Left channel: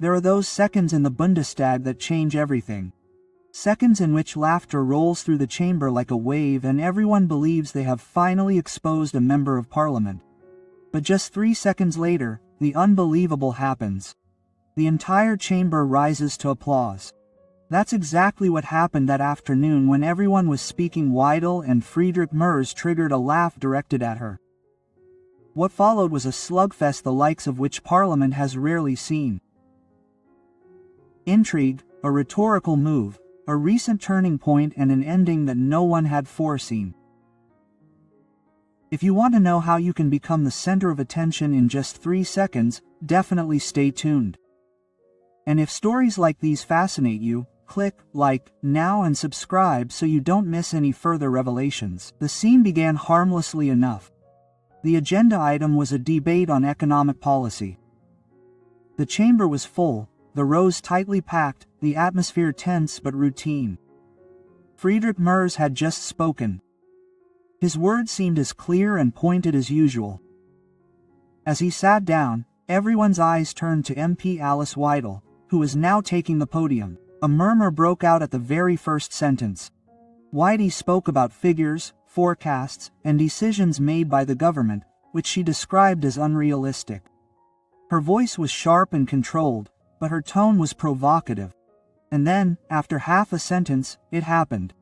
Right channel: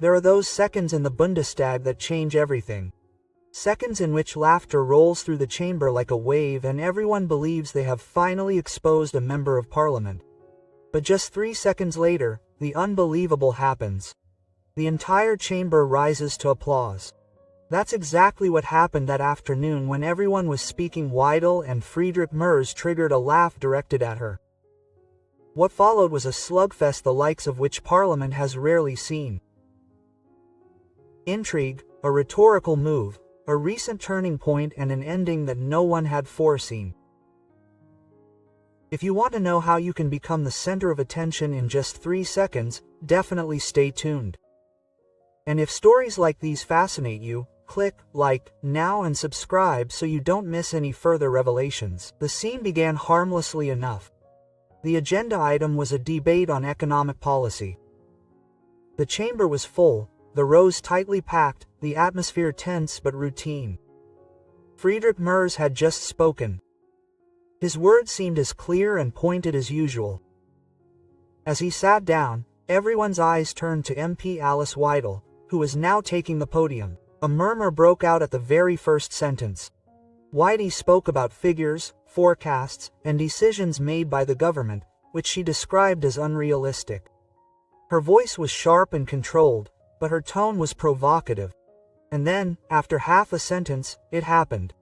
There are those seconds in the Bundestag that change everything. Seconds in which laughter rolls through the chamber like a wave and everyone believes they have finally exposed a member of parliament. But just 3 seconds later, the unbelievable happens. The entire chamber rises to applause. That's exactly what happened that afternoon when everyone was speaking. Weidel and Friedrich Merz triggered a laugh directed at her. What followed was a slugfest the likes of which Parliament has rarely seen. Intrigue, a rhetorical move, a recent turning point and an ending that no one had foreseen. If you want to know how you can become the center of attention in just 3 seconds, definitely stay tuned. And if stories like these fascinate you, click like now and subscribe so you don't miss any further revelations. The scene began harmlessly enough. The agenda item was a debate on economic policy. The chamber was full, the rows tightly packed, the atmosphere tense but routine. Friedrich Merz had just spoken. His words seemed as clear and pointed as usual. As he sat down, everyone's eyes turned to MP Alice Weidel, who was now taking the podium. A murmur broke out at the very first sentence. Weidel spoke about figures, forecasts, and decisions made by the government, which she described as unrealistic. Her voice was sharp and controlled, but her tone was provocative. And then, after half a sentence, it happened.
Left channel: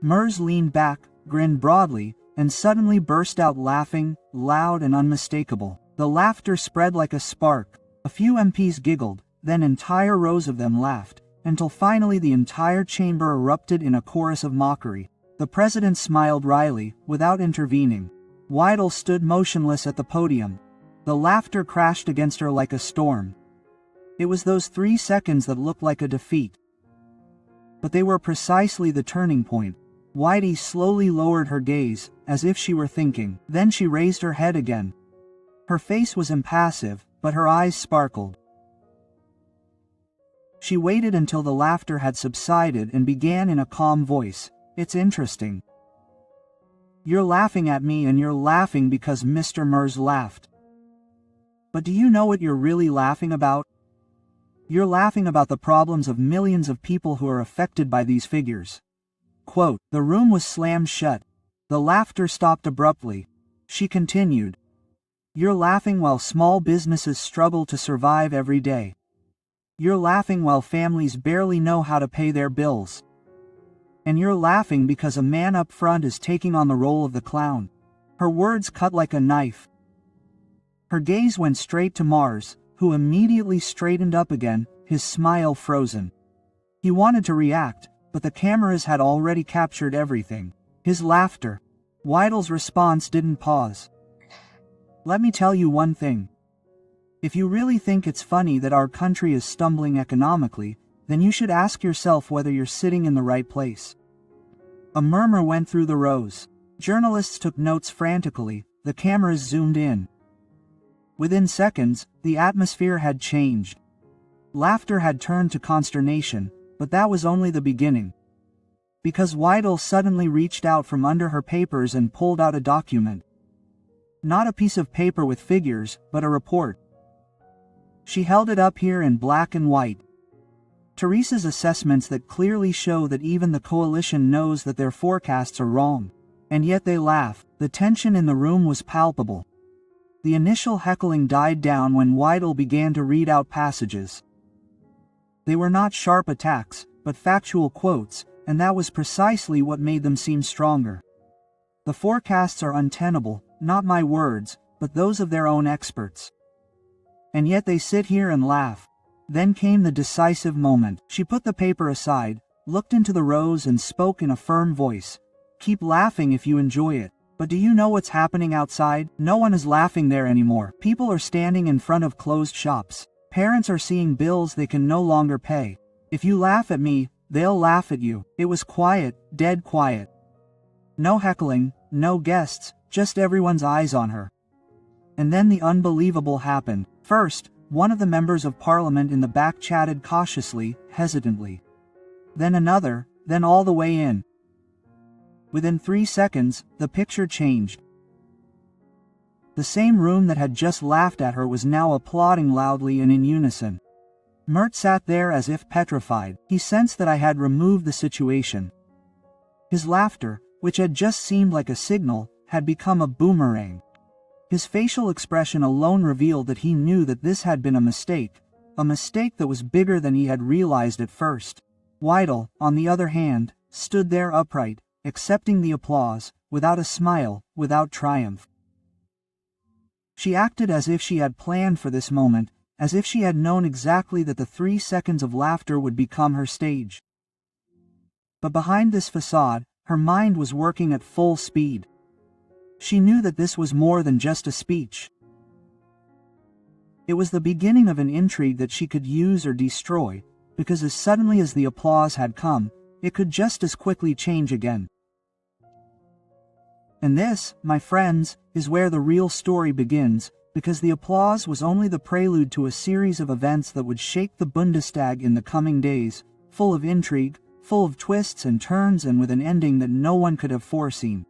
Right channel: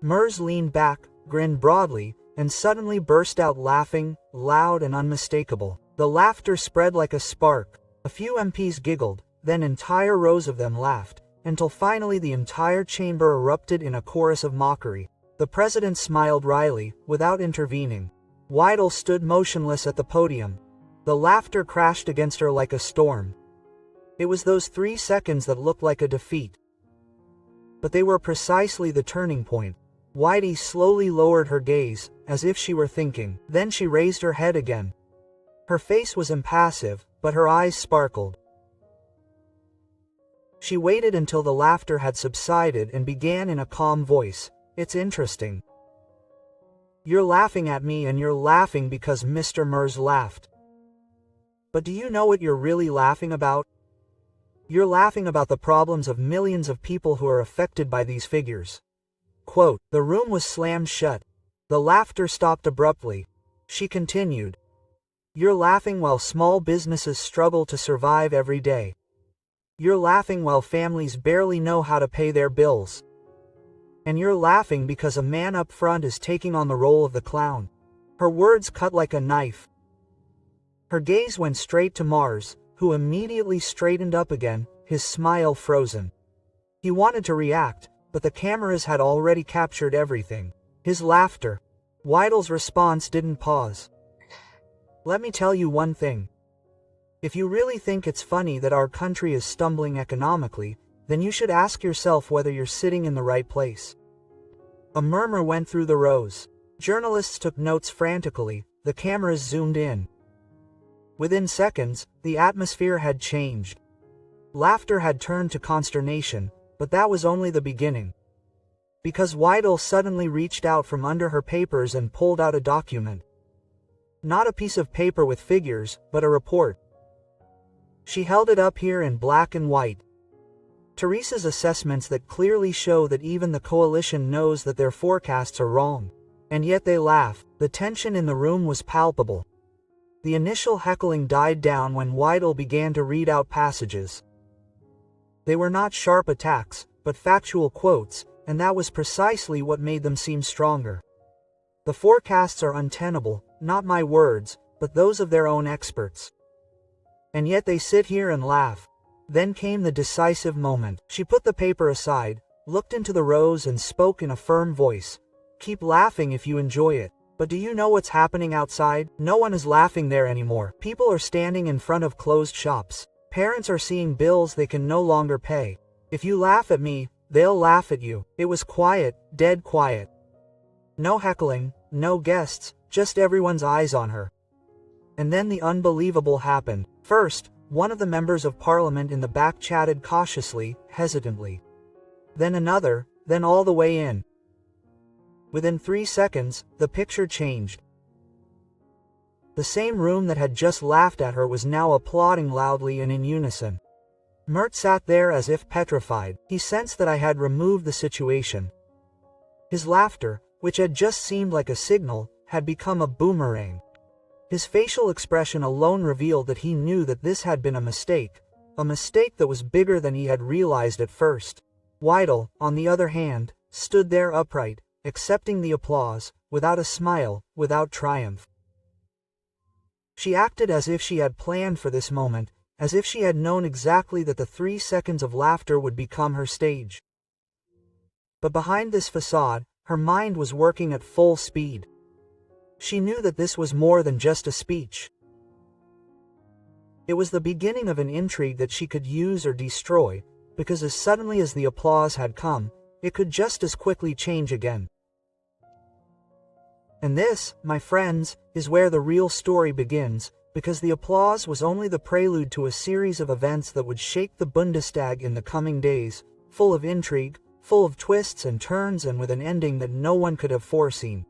Merz leaned back, grinned broadly, and suddenly burst out laughing, loud and unmistakable. The laughter spread like a spark. A few MPs giggled, then entire rows of them laughed, until finally the entire chamber erupted in a chorus of mockery. The president smiled wryly, without intervening. Weidel stood motionless at the podium. The laughter crashed against her like a storm. It was those 3 seconds that looked like a defeat. But they were precisely the turning point. Weidel slowly lowered her gaze, as if she were thinking. Then she raised her head again. Her face was impassive, but her eyes sparkled. She waited until the laughter had subsided and began in a calm voice. It's interesting. You're laughing at me and you're laughing because Mr. Merz laughed. But do you know what you're really laughing about? You're laughing about the problems of millions of people who are affected by these figures. Quote, the room was slammed shut. The laughter stopped abruptly. She continued. You're laughing while small businesses struggle to survive every day. You're laughing while families barely know how to pay their bills. And you're laughing because a man up front is taking on the role of the clown. Her words cut like a knife. Her gaze went straight to Merz, who immediately straightened up again, his smile frozen. He wanted to react, but the cameras had already captured everything. His laughter. Weidel's response didn't pause. Let me tell you one thing. If you really think it's funny that our country is stumbling economically, then you should ask yourself whether you're sitting in the right place. A murmur went through the rows. Journalists took notes frantically, the cameras zoomed in. Within seconds, the atmosphere had changed. Laughter had turned to consternation, but that was only the beginning. Because Weidel suddenly reached out from under her papers and pulled out a document. Not a piece of paper with figures, but a report. She held it up here in black and white. Teresa's assessments that clearly show that even the coalition knows that their forecasts are wrong. And yet they laugh. The tension in the room was palpable. The initial heckling died down when Weidel began to read out passages. They were not sharp attacks, but factual quotes, and that was precisely what made them seem stronger. The forecasts are untenable, not my words, but those of their own experts. And yet they sit here and laugh. Then came the decisive moment. She put the paper aside, looked into the rows and spoke in a firm voice. Keep laughing if you enjoy it. But do you know what's happening outside? No one is laughing there anymore. People are standing in front of closed shops. Parents are seeing bills they can no longer pay. If you laugh at me, they'll laugh at you. It was quiet, dead quiet. No heckling, no guests, just everyone's eyes on her. And then the unbelievable happened. First, one of the members of parliament in the back chatted cautiously, hesitantly. Then another, then all the way in. Within 3 seconds, the picture changed. The same room that had just laughed at her was now applauding loudly and in unison. Merz sat there as if petrified. He sensed that I had removed the situation. His laughter, which had just seemed like a signal, had become a boomerang. His facial expression alone revealed that he knew that this had been a mistake that was bigger than he had realized at first. Weidel, on the other hand, stood there upright, accepting the applause, without a smile, without triumph. She acted as if she had planned for this moment, as if she had known exactly that the 3 seconds of laughter would become her stage. But behind this facade, her mind was working at full speed. She knew that this was more than just a speech. It was the beginning of an intrigue that she could use or destroy, because as suddenly as the applause had come, it could just as quickly change again. And this, my friends, is where the real story begins, because the applause was only the prelude to a series of events that would shake the Bundestag in the coming days, full of intrigue, full of twists and turns, and with an ending that no one could have foreseen.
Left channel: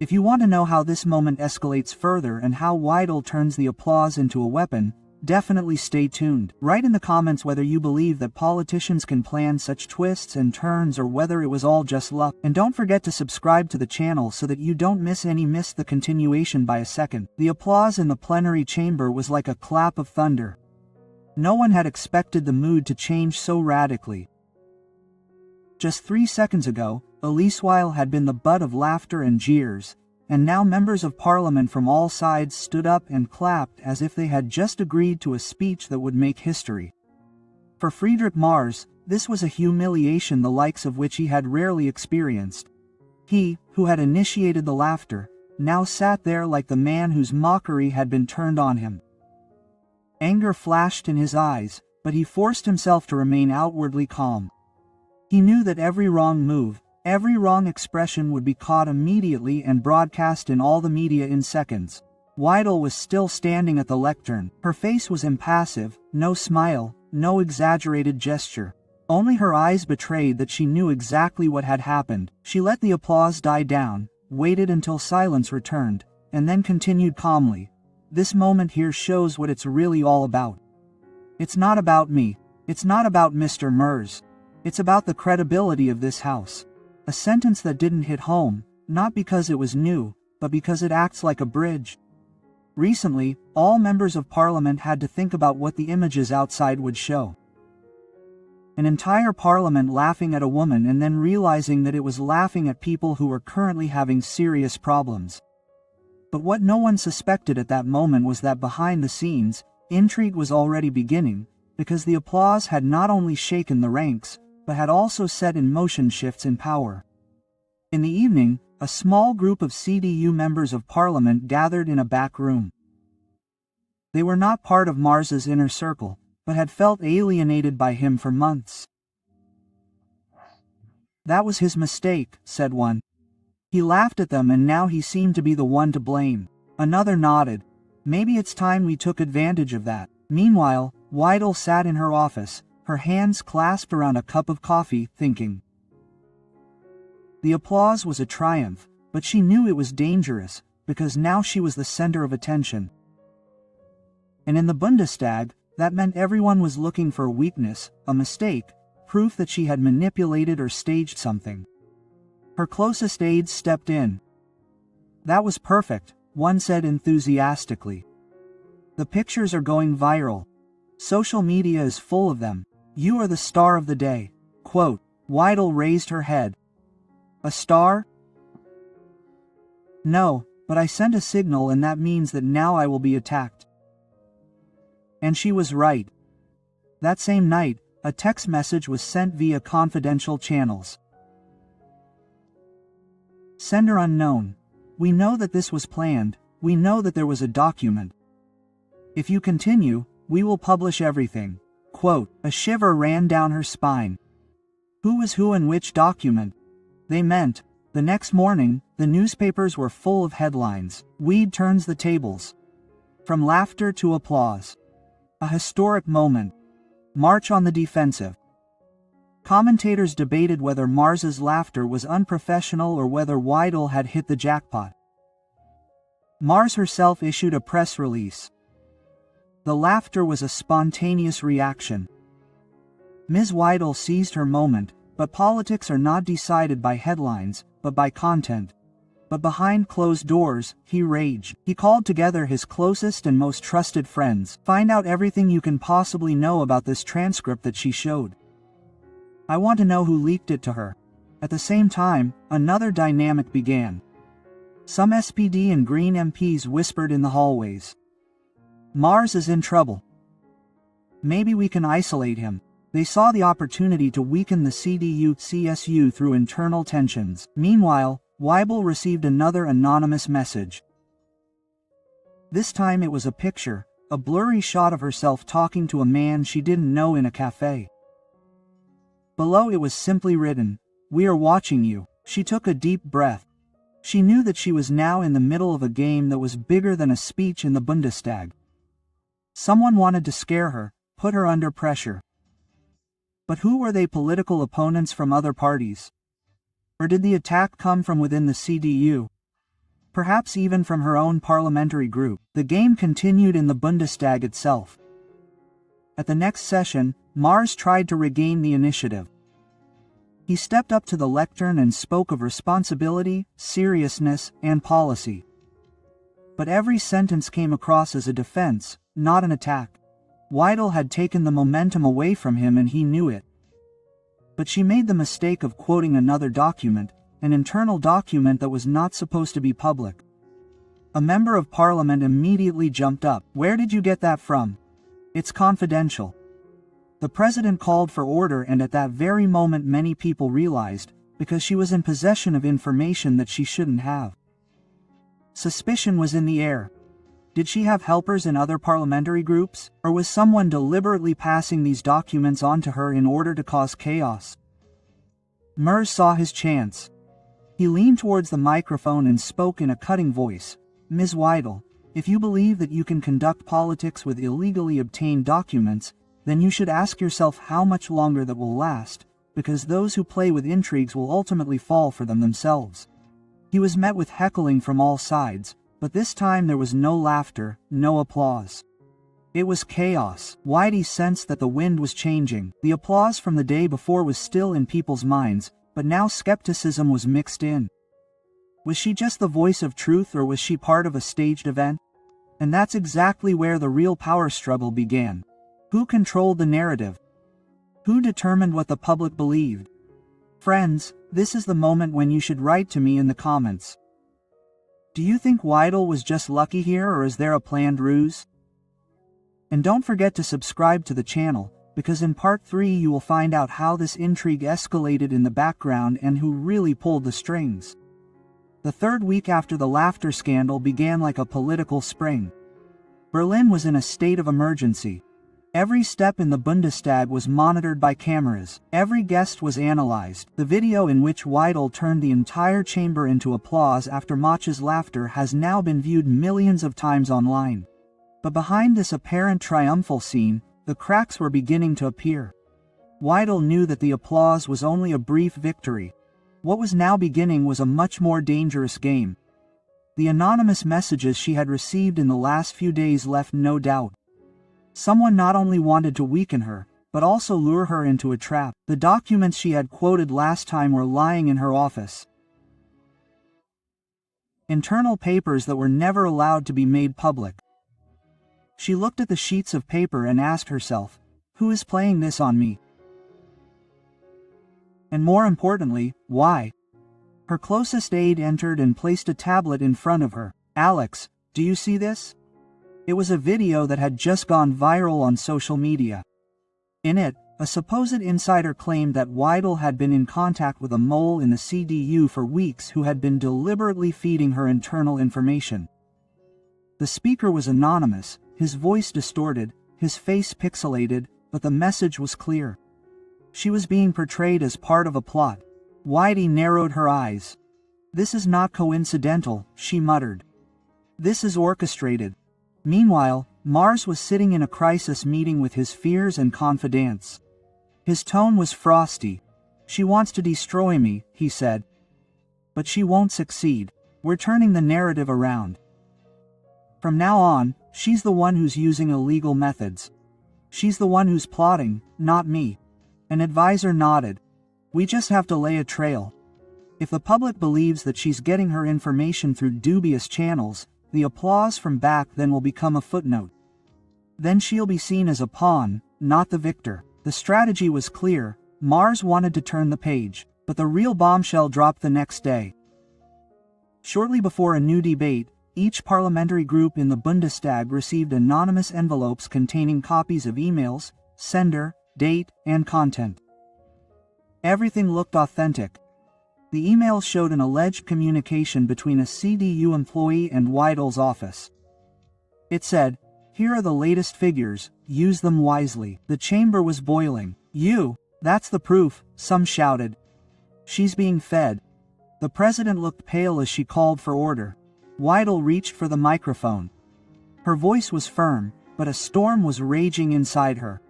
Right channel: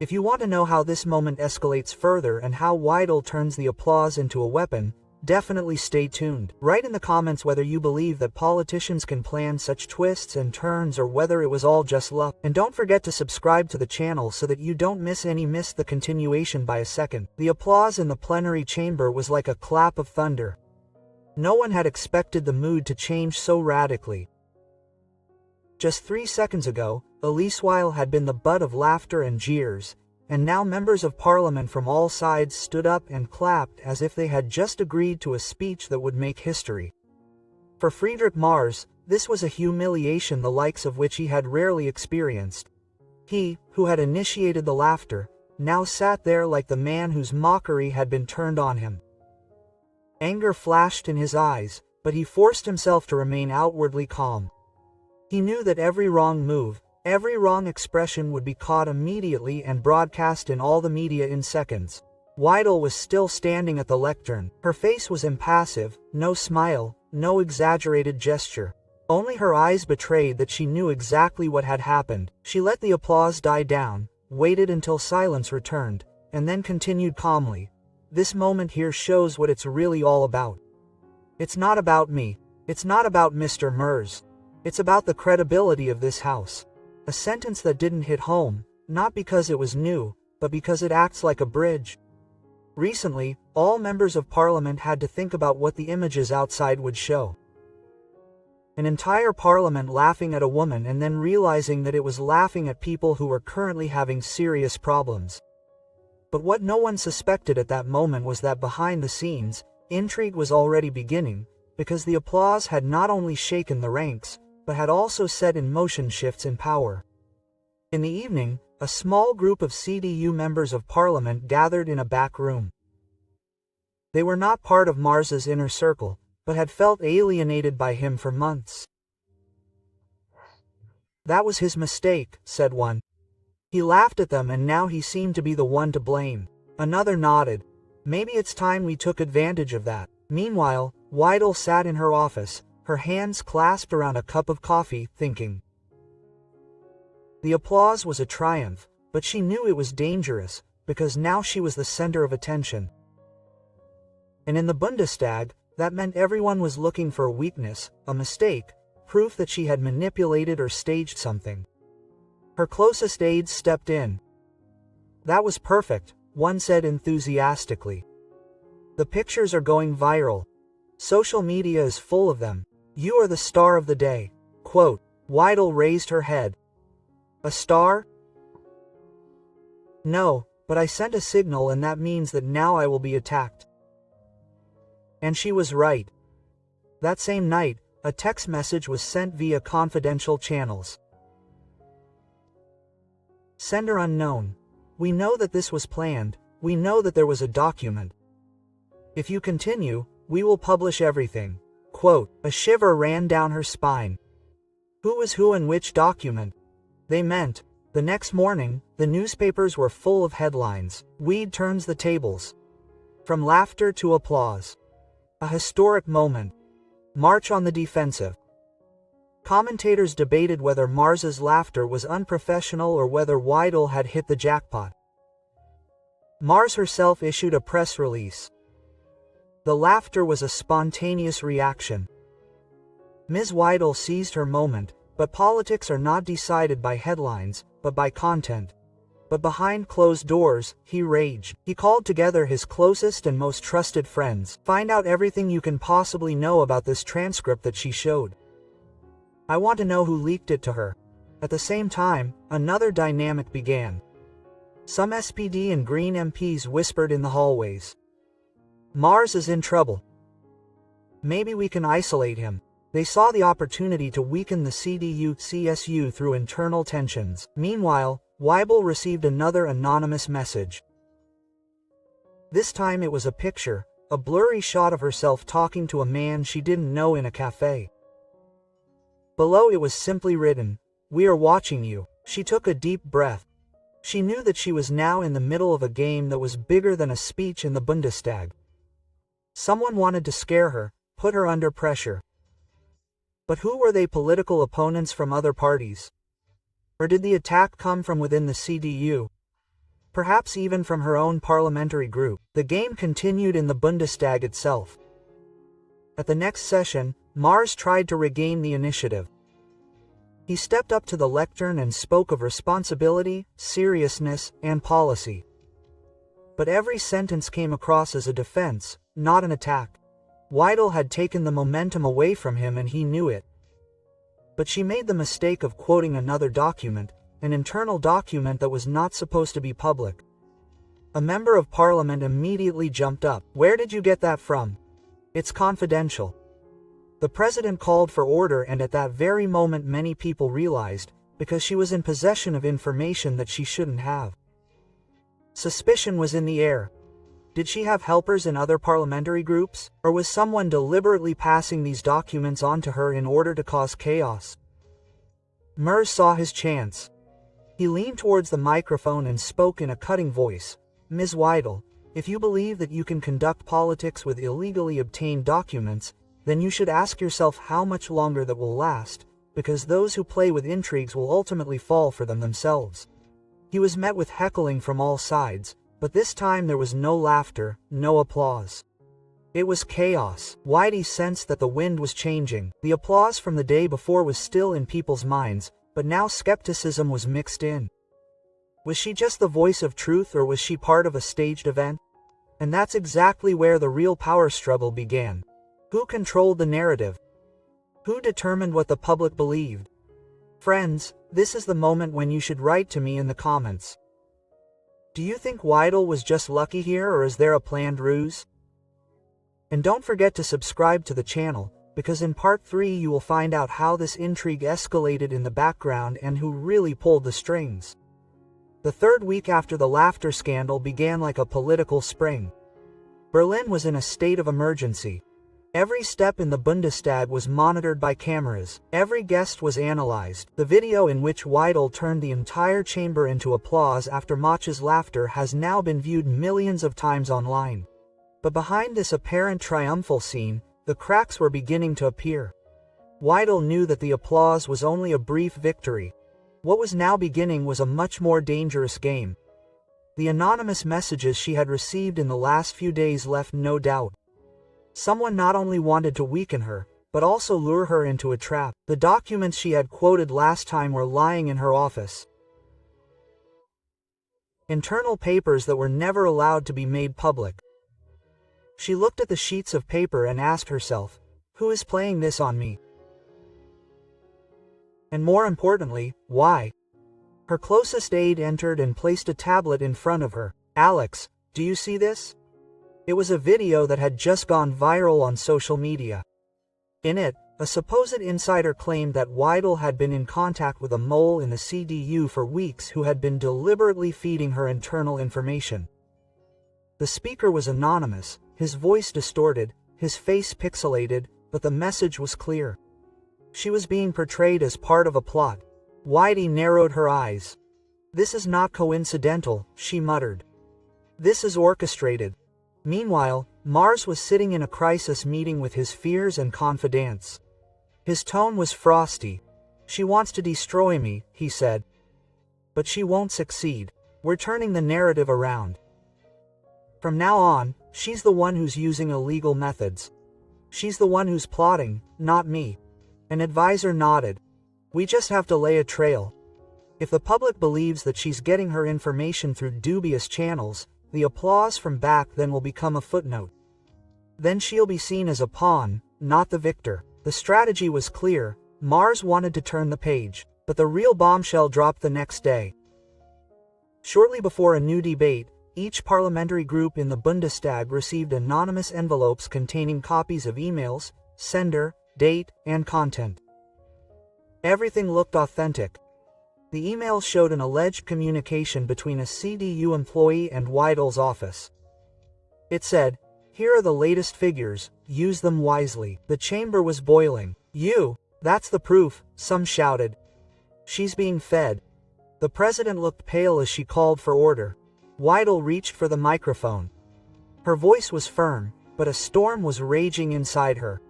If you want to know how this moment escalates further and how Weidel turns the applause into a weapon, definitely stay tuned. Write in the comments whether you believe that politicians can plan such twists and turns or whether it was all just luck. And don't forget to subscribe to the channel so that you don't miss the continuation by a second. The applause in the plenary chamber was like a clap of thunder. No one had expected the mood to change so radically. Just 3 seconds ago, Elise Weidel had been the butt of laughter and jeers, and now members of parliament from all sides stood up and clapped as if they had just agreed to a speech that would make history. For Friedrich Merz, this was a humiliation the likes of which he had rarely experienced. He, who had initiated the laughter, now sat there like the man whose mockery had been turned on him. Anger flashed in his eyes, but he forced himself to remain outwardly calm. He knew that every wrong move, every wrong expression would be caught immediately and broadcast in all the media in seconds. Weidel was still standing at the lectern. Her face was impassive, no smile, no exaggerated gesture. Only her eyes betrayed that she knew exactly what had happened. She let the applause die down, waited until silence returned, and then continued calmly. This moment here shows what it's really all about. It's not about me. It's not about Mr. Merz. It's about the credibility of this house. A sentence that didn't hit home, not because it was new, but because it acts like a bridge. Recently, all members of parliament had to think about what the images outside would show. An entire parliament laughing at a woman and then realizing that it was laughing at people who were currently having serious problems. But what no one suspected at that moment was that behind the scenes, intrigue was already beginning, because the applause had not only shaken the ranks, but had also set in motion shifts in power. In the evening, a small group of CDU members of parliament gathered in a back room. They were not part of Merz's inner circle, but had felt alienated by him for months. That was his mistake, said one. He laughed at them and now he seemed to be the one to blame. Another nodded. Maybe it's time we took advantage of that. Meanwhile, Weidel sat in her office, her hands clasped around a cup of coffee, thinking. The applause was a triumph, but she knew it was dangerous, because now she was the center of attention. And in the Bundestag, that meant everyone was looking for a weakness, a mistake, proof that she had manipulated or staged something. Her closest aides stepped in. That was perfect, one said enthusiastically. The pictures are going viral. Social media is full of them. You are the star of the day. Quote. Weidel raised her head. A star? No, but I sent a signal and that means that now I will be attacked. And she was right. That same night, a text message was sent via confidential channels. Sender unknown. We know that this was planned. We know that there was a document. If you continue, we will publish everything. Quote. A shiver ran down her spine. Who was who and which document? They meant. The next morning, the newspapers were full of headlines. Weid turns the tables. From laughter to applause. A historic moment. March on the defensive. Commentators debated whether Merz's laughter was unprofessional or whether Weidel had hit the jackpot. Merz herself issued a press release. The laughter was a spontaneous reaction. Ms. Weidel seized her moment, but politics are not decided by headlines, but by content. But behind closed doors, he raged. He called together his closest and most trusted friends. Find out everything you can possibly know about this transcript that she showed. I want to know who leaked it to her. At the same time, another dynamic began. Some SPD and Green MPs whispered in the hallways. Mars is in trouble. Maybe we can isolate him. They saw the opportunity to weaken the CDU-CSU through internal tensions. Meanwhile, Weidel received another anonymous message. This time it was a picture, a blurry shot of herself talking to a man she didn't know in a cafe. Below it was simply written, "We are watching you." She took a deep breath. She knew that she was now in the middle of a game that was bigger than a speech in the Bundestag. Someone wanted to scare her, put her under pressure. But who were they? Political opponents from other parties? Or did the attack come from within the CDU? Perhaps even from her own parliamentary group. The game continued in the Bundestag itself. At the next session, Mars tried to regain the initiative. He stepped up to the lectern and spoke of responsibility, seriousness, and policy. But every sentence came across as a defense, not an attack. Weidel had taken the momentum away from him and he knew it. But she made the mistake of quoting another document, an internal document that was not supposed to be public. A member of parliament immediately jumped up. "Where did you get that from? It's confidential." The president called for order, and at that very moment many people realized, because she was in possession of information that she shouldn't have. Suspicion was in the air. Did she have helpers in other parliamentary groups, or was someone deliberately passing these documents on to her in order to cause chaos? Merz saw his chance. He leaned towards the microphone and spoke in a cutting voice. "Ms. Weidel, if you believe that you can conduct politics with illegally obtained documents, then you should ask yourself how much longer that will last, because those who play with intrigues will ultimately fall for them themselves." He was met with heckling from all sides, but this time there was no laughter, no applause. It was chaos. Weidel sensed that the wind was changing. The applause from the day before was still in people's minds, but now skepticism was mixed in. Was she just the voice of truth, or was she part of a staged event? And that's exactly where the real power struggle began. Who controlled the narrative? Who determined what the public believed? Friends, this is the moment when you should write to me in the comments. Do you think Weidel was just lucky here, or is there a planned ruse? And don't forget to subscribe to the channel, because in part 3 you will find out how this intrigue escalated in the background and who really pulled the strings. The third week after the laughter scandal began like a political spring. Berlin was in a state of emergency. Every step in the Bundestag was monitored by cameras. Every guest was analyzed. The video in which Weidel turned the entire chamber into applause after Mach's laughter has now been viewed millions of times online. But behind this apparent triumphal scene, the cracks were beginning to appear. Weidel knew that the applause was only a brief victory. What was now beginning was a much more dangerous game. The anonymous messages she had received in the last few days left no doubt. Someone not only wanted to weaken her, but also lure her into a trap. The documents she had quoted last time were lying in her office. Internal papers that were never allowed to be made public. She looked at the sheets of paper and asked herself, who is playing this on me? And more importantly, why? Her closest aide entered and placed a tablet in front of her. "Alex, do you see this?" It was a video that had just gone viral on social media. In it, a supposed insider claimed that Weidel had been in contact with a mole in the CDU for weeks who had been deliberately feeding her internal information. The speaker was anonymous, his voice distorted, his face pixelated, but the message was clear. She was being portrayed as part of a plot. Weidel narrowed her eyes. "This is not coincidental," she muttered. "This is orchestrated." Meanwhile, Mars was sitting in a crisis meeting with his fears and confidants. His tone was frosty. "She wants to destroy me," he said. "But she won't succeed. We're turning the narrative around. From now on, she's the one who's using illegal methods. She's the one who's plotting, not me. An advisor nodded. We just have to lay a trail. If the public believes that she's getting her information through dubious channels, the applause from back then will become a footnote. Then she'll be seen as a pawn, not the victor. The strategy was clear. Mars wanted to turn the page, but the real bombshell dropped the next day. Shortly before a new debate, each parliamentary group in the Bundestag received anonymous envelopes containing copies of emails, sender, date, and content. Everything looked authentic. The emails showed an alleged communication between a CDU employee and Weidel's office. It said, "Here are the latest figures, use them wisely." The chamber was boiling. That's the proof, some shouted. She's being fed. The president looked pale as she called for order. Weidel reached for the microphone. Her voice was firm, but a storm was raging inside her.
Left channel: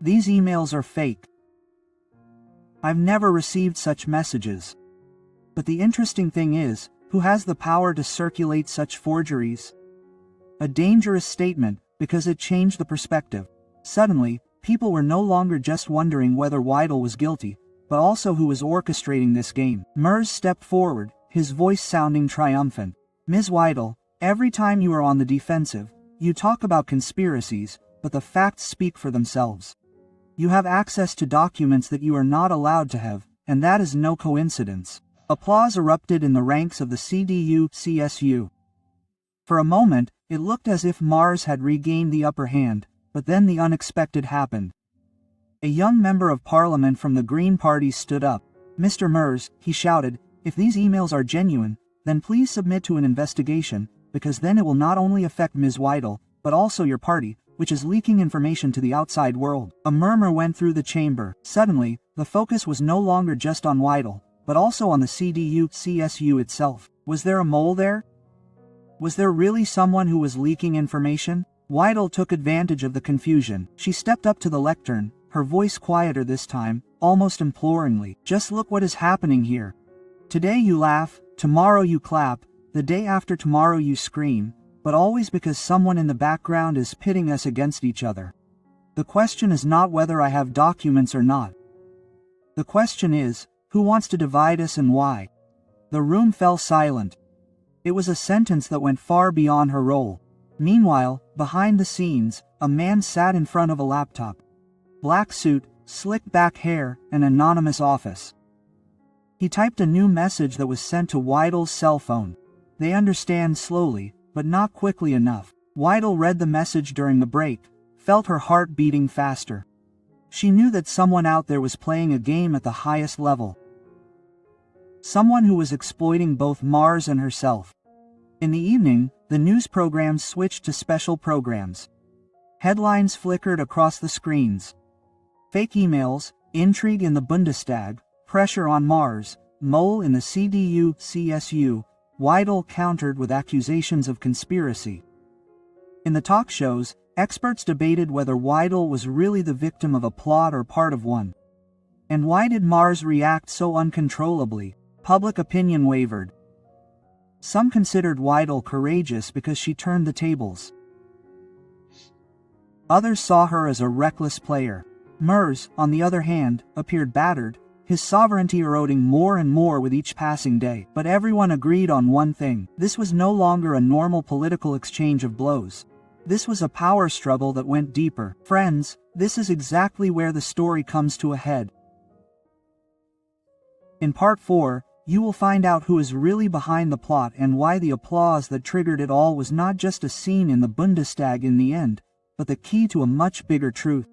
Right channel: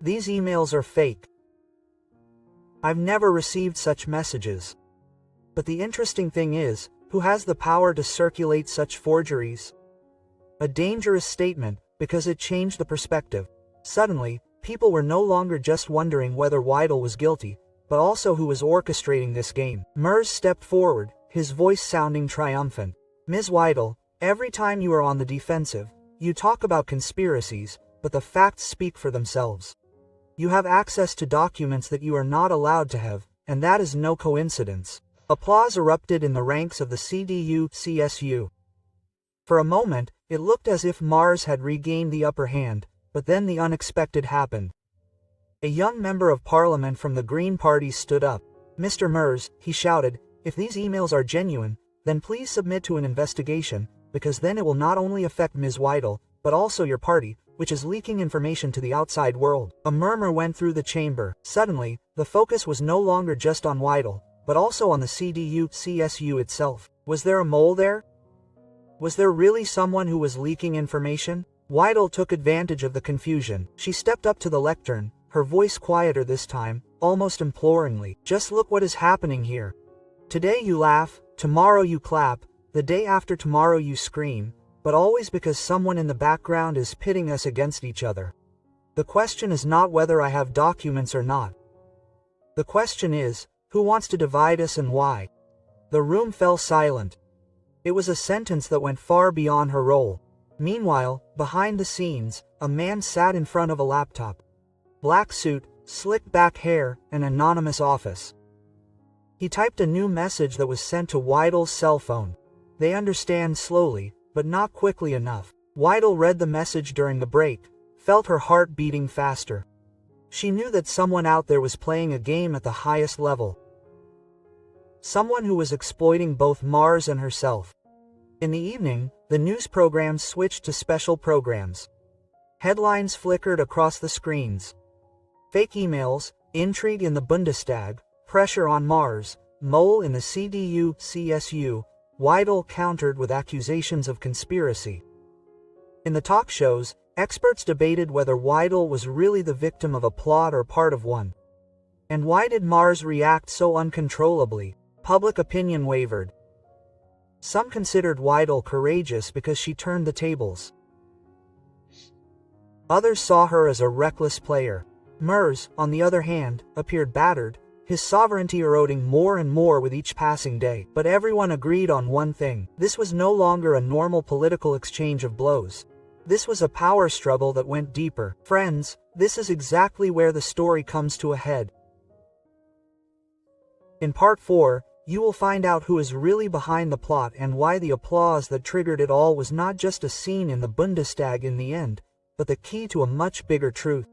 These emails are fake. I've never received such messages. But the interesting thing is, who has the power to circulate such forgeries? A dangerous statement, because it changed the perspective. Suddenly, people were no longer just wondering whether Weidel was guilty, but also who was orchestrating this game. Merz stepped forward, his voice sounding triumphant. Ms. Weidel, every time you are on the defensive, you talk about conspiracies, but the facts speak for themselves. You have access to documents that you are not allowed to have, and that is no coincidence. Applause erupted in the ranks of the CDU-CSU. For a moment, it looked as if Mars had regained the upper hand, but then the unexpected happened. A young member of parliament from the Green Party stood up. Mr. Merz, he shouted, if these emails are genuine, then please submit to an investigation, because then it will not only affect Ms. Weidel, but also your party, which is leaking information to the outside world. A murmur went through the chamber. Suddenly, the focus was no longer just on Weidel, but also on the CDU-CSU itself. Was there a mole there? Was there really someone who was leaking information? Weidel took advantage of the confusion. She stepped up to the lectern, her voice quieter this time, almost imploringly. Just look what is happening here. Today you laugh, tomorrow you clap, the day after tomorrow you scream, but always because someone in the background is pitting us against each other. The question is not whether I have documents or not. The question is, who wants to divide us and why? The room fell silent. It was a sentence that went far beyond her role. Meanwhile, behind the scenes, a man sat in front of a laptop. Black suit, slicked back hair, an anonymous office. He typed a new message that was sent to Weidel's cell phone. They understand slowly, but not quickly enough. Weidel read the message during the break, felt her heart beating faster. She knew that someone out there was playing a game at the highest level. Someone who was exploiting both Mars and herself. In the evening, the news programs switched to special programs. Headlines flickered across the screens. Fake emails, intrigue in the Bundestag, pressure on Mars, mole in the CDU-CSU, Weidel countered with accusations of conspiracy. In the talk shows, experts debated whether Weidel was really the victim of a plot or part of one. And why did Mars react so uncontrollably? Public opinion wavered. Some considered Weidel courageous because she turned the tables. Others saw her as a reckless player. Merz, on the other hand, appeared battered, his sovereignty eroding more and more with each passing day. But everyone agreed on one thing. This was no longer a normal political exchange of blows. This was a power struggle that went deeper. Friends, this is exactly where the story comes to a head. In part 4, you will find out who is really behind the plot and why the applause that triggered it all was not just a scene in the Bundestag in the end, but the key to a much bigger truth.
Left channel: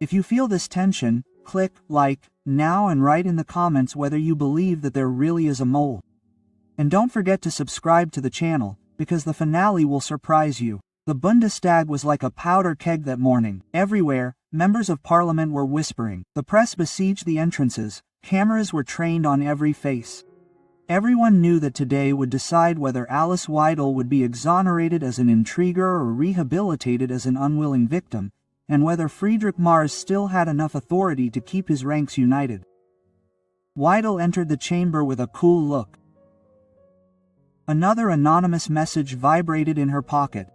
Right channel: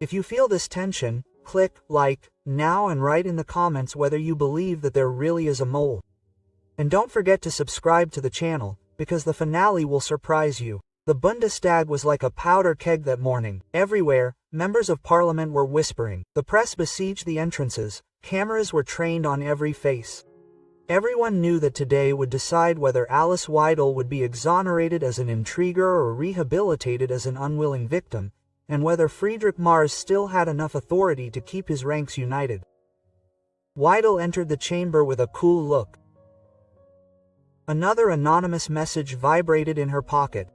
If you feel this tension, click like now and write in the comments whether you believe that there really is a mole. And don't forget to subscribe to the channel, because the finale will surprise you. The Bundestag was like a powder keg that morning. Everywhere, members of parliament were whispering. The press besieged the entrances, cameras were trained on every face. Everyone knew that today would decide whether Alice Weidel would be exonerated as an intriguer or rehabilitated as an unwilling victim, and whether Friedrich Mars still had enough authority to keep his ranks united. Weidel entered the chamber with a cool look. Another anonymous message vibrated in her pocket.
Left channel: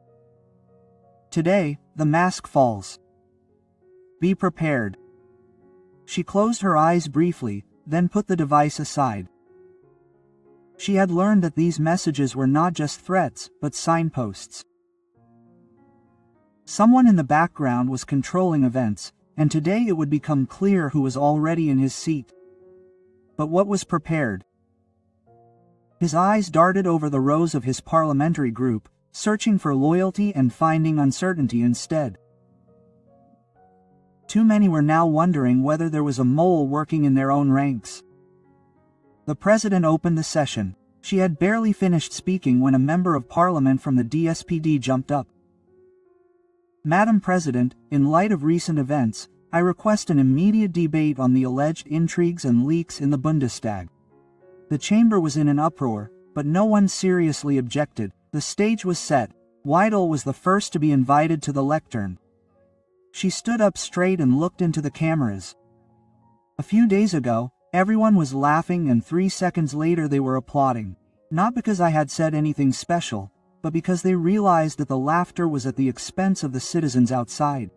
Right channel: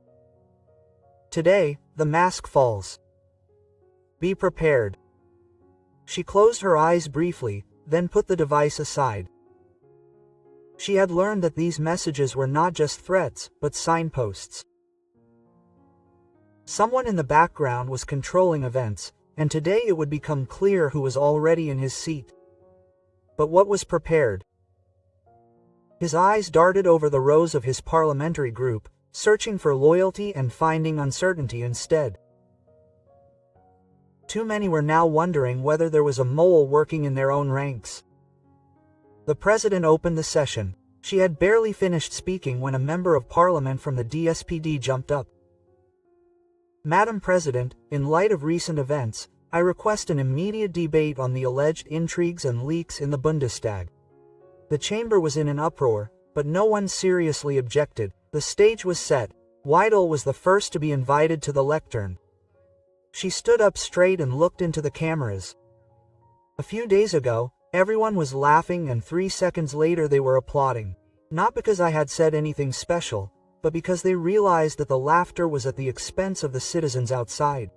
Today, the mask falls. Be prepared. She closed her eyes briefly, then put the device aside. She had learned that these messages were not just threats, but signposts. Someone in the background was controlling events, and today it would become clear who was already in his seat. But what was prepared? His eyes darted over the rows of his parliamentary group, searching for loyalty and finding uncertainty instead. Too many were now wondering whether there was a mole working in their own ranks. The president opened the session. She had barely finished speaking when a member of parliament from the DSPD jumped up. Madam President, in light of recent events, I request an immediate debate on the alleged intrigues and leaks in the Bundestag. The chamber was in an uproar, but no one seriously objected. The stage was set. Weidel was the first to be invited to the lectern. She stood up straight and looked into the cameras. A few days ago, everyone was laughing, and 3 seconds later they were applauding. Not because I had said anything special, but because they realized that the laughter was at the expense of the citizens outside.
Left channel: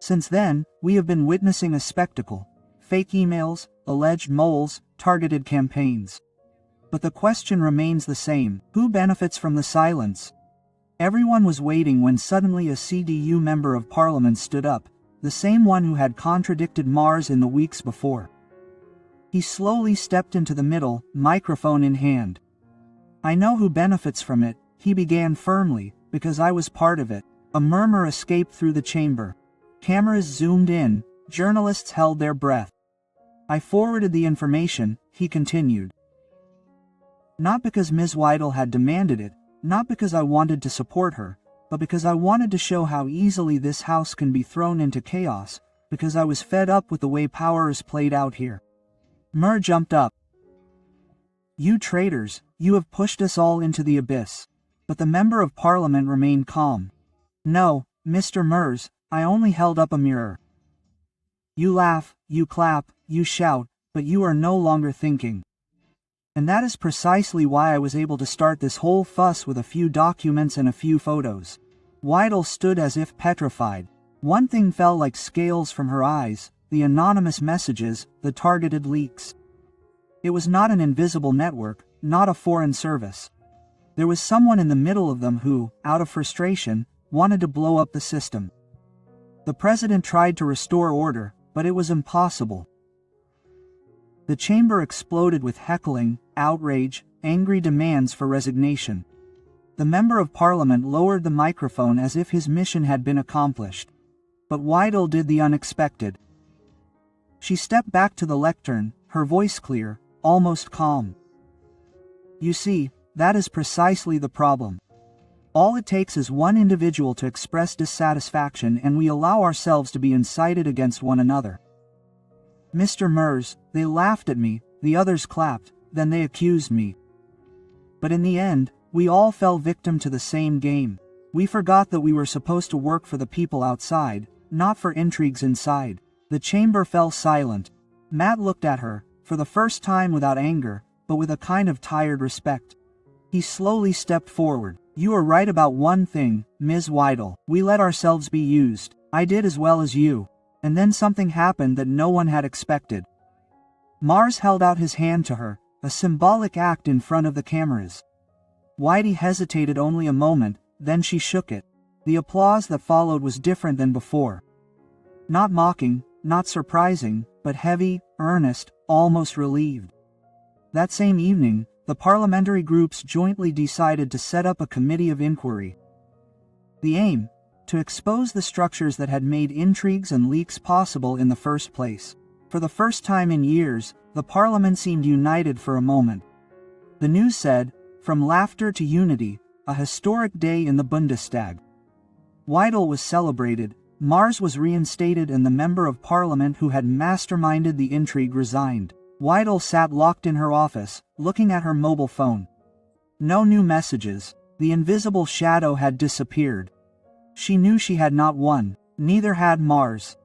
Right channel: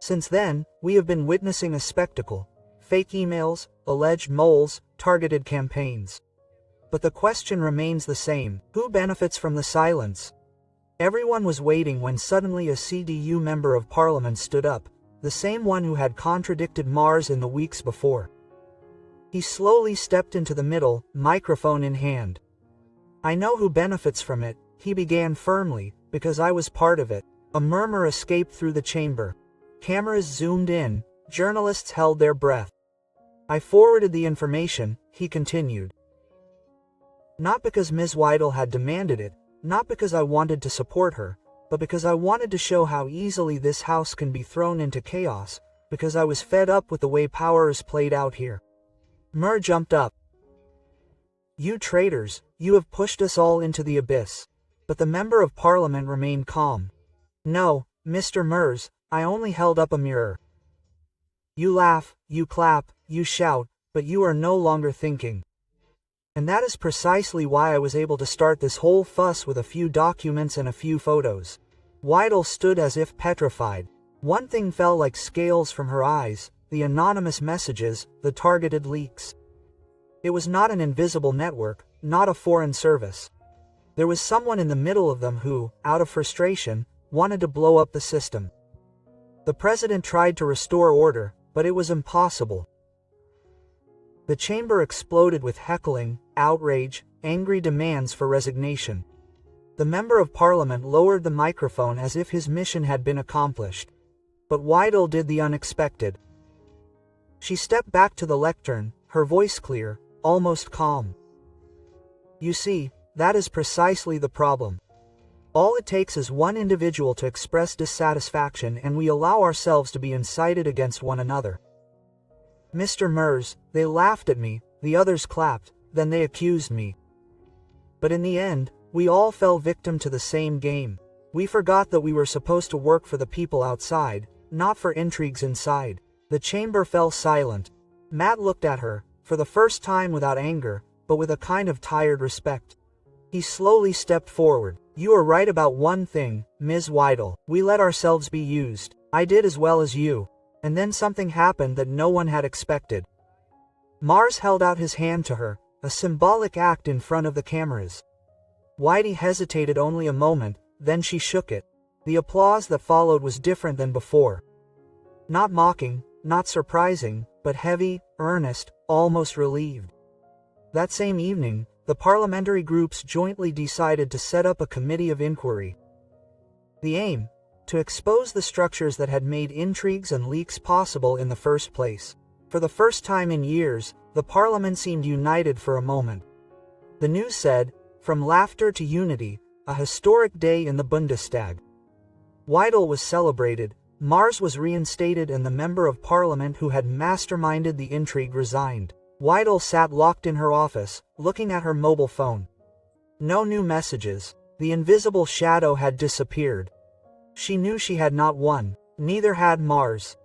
Since then, we have been witnessing a spectacle: fake emails, alleged moles, targeted campaigns. But the question remains the same: who benefits from the silence? Everyone was waiting when suddenly a CDU member of parliament stood up, the same one who had contradicted Mars in the weeks before. He slowly stepped into the middle, microphone in hand. I know who benefits from it, he began firmly, because I was part of it. A murmur escaped through the chamber. Cameras zoomed in, journalists held their breath. I forwarded the information, he continued. Not because Ms. Weidel had demanded it, not because I wanted to support her, but because I wanted to show how easily this house can be thrown into chaos, because I was fed up with the way power is played out here. Mer jumped up. You traitors, you have pushed us all into the abyss. But the member of parliament remained calm. No, Mr. Merz, I only held up a mirror. You laugh, you clap, you shout, but you are no longer thinking. And that is precisely why I was able to start this whole fuss with a few documents and a few photos. Weidel stood as if petrified. One thing fell like scales from her eyes: the anonymous messages, the targeted leaks. It was not an invisible network, not a foreign service. There was someone in the middle of them who, out of frustration, wanted to blow up the system. The president tried to restore order, but it was impossible. The chamber exploded with heckling, outrage, angry demands for resignation. The member of parliament lowered the microphone as if his mission had been accomplished. But Weidel did the unexpected. She stepped back to the lectern, her voice clear, almost calm. You see, that is precisely the problem. All it takes is one individual to express dissatisfaction and we allow ourselves to be incited against one another. Mr. Merz, they laughed at me, the others clapped, then they accused me. But in the end, we all fell victim to the same game. We forgot that we were supposed to work for the people outside, not for intrigues inside. The chamber fell silent. Matt looked at her, for the first time without anger, but with a kind of tired respect. He slowly stepped forward. You are right about one thing, Ms. Weidel. We let ourselves be used. I did as well as you. And then something happened that no one had expected. Mars held out his hand to her, a symbolic act in front of the cameras. Weidel hesitated only a moment, then she shook it. The applause that followed was different than before. Not mocking, not surprising, but heavy, earnest, almost relieved. That same evening, the parliamentary groups jointly decided to set up a committee of inquiry. The aim? To expose the structures that had made intrigues and leaks possible in the first place. For the first time in years, the parliament seemed united for a moment. The news said, from laughter to unity, a historic day in the Bundestag. Weidel was celebrated, Mars was reinstated, and the member of parliament who had masterminded the intrigue resigned. Weidel sat locked in her office, looking at her mobile phone. No new messages. The invisible shadow had disappeared. She knew she had not won, neither had Mars.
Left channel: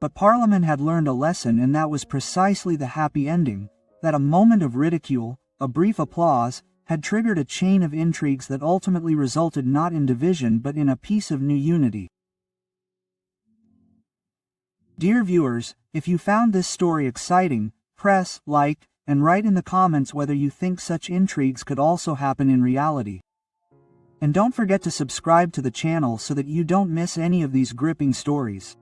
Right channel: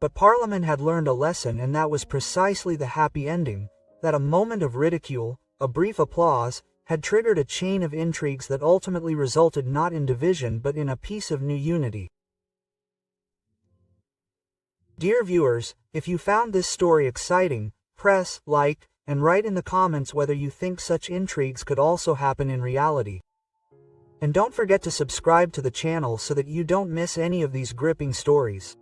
But Parliament had learned a lesson, and that was precisely the happy ending, that a moment of ridicule, a brief applause, had triggered a chain of intrigues that ultimately resulted not in division but in a piece of new unity. Dear viewers, if you found this story exciting, press like and write in the comments whether you think such intrigues could also happen in reality. And don't forget to subscribe to the channel so that you don't miss any of these gripping stories.